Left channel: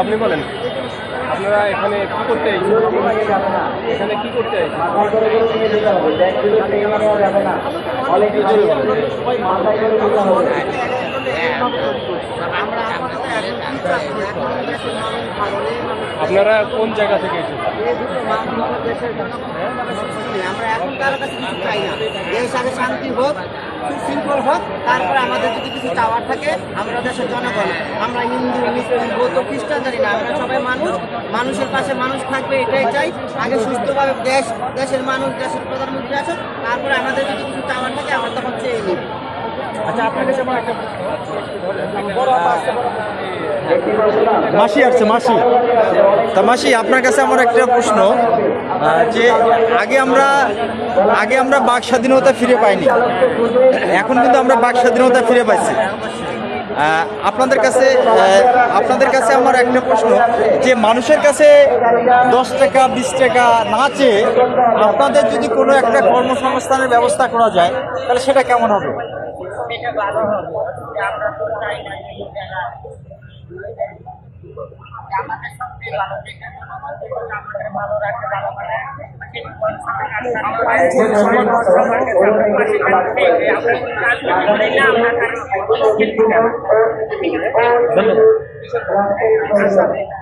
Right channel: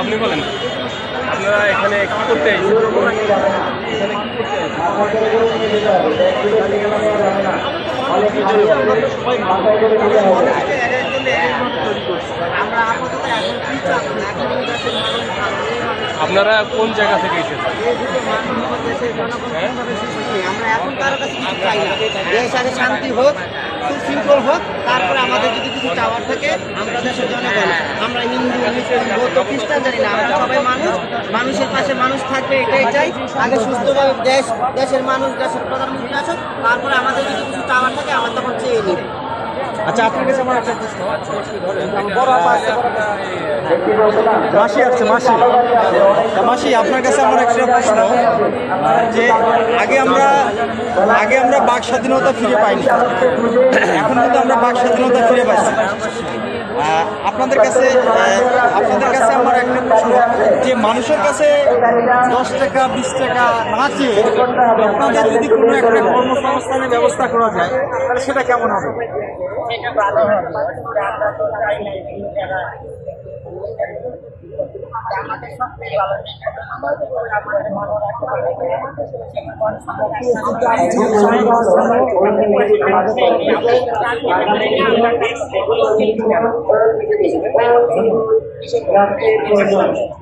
আপনি বলেন, আপনারা এখানে কি করতে এখানে কি করতে আপনারা কোন জায়গা থেকে এসেছেন? আমরা এখন কারোর কাছে কিছু চাই না, দেশ আগে শান্তি হোক, সুশৃঙ্খল হোক, তারপরে আমাদের যদি কিছু চাওয়ার থাকে আমরা দেশের জনগণ, আমরা হিন্দু মুসলিম বৌদ্ধ খ্রিস্টান জানি না, আমরা সবাই মানুষ, মানুষের পাশে মানুষ থাকবে এটাই চাই। আগে সুস্থভাবে দেশের মানুষ, দেশের প্রধানমন্ত্রী আসুক, তারপরে আমাদের যদি কিছু চাওয়ার থাকে আমরা তখন চেয়ে নিব। আচ্ছা, আপনার কাছে আমার একটা প্রশ্ন, মাসি আসছে, মাসি আপনার কাছে আমার একটা প্রশ্ন, যে আগে আমরা বাক স্বাধীনতা ফিরে পাইনি, এখন কিন্তু আমরা বাক স্বাধীনতা ফিরে পাইছি। আপনাদের কাছে আমার একটা প্রশ্ন, যে মানুষের কাছে 10 টাকা 20 টাকা না চেয়ে আপনাদের যদি কোনো একটা কর্মসংস্থানের ব্যবস্থা করা যায় তাহলে সেটা কেমন হবে? সেটা ভালো হবে। আমরা তো চাই না যে আমাদের সবচেয়ে ভালো, যেটার জন্য আমাদের ভালো রাখতে ভালো আমরা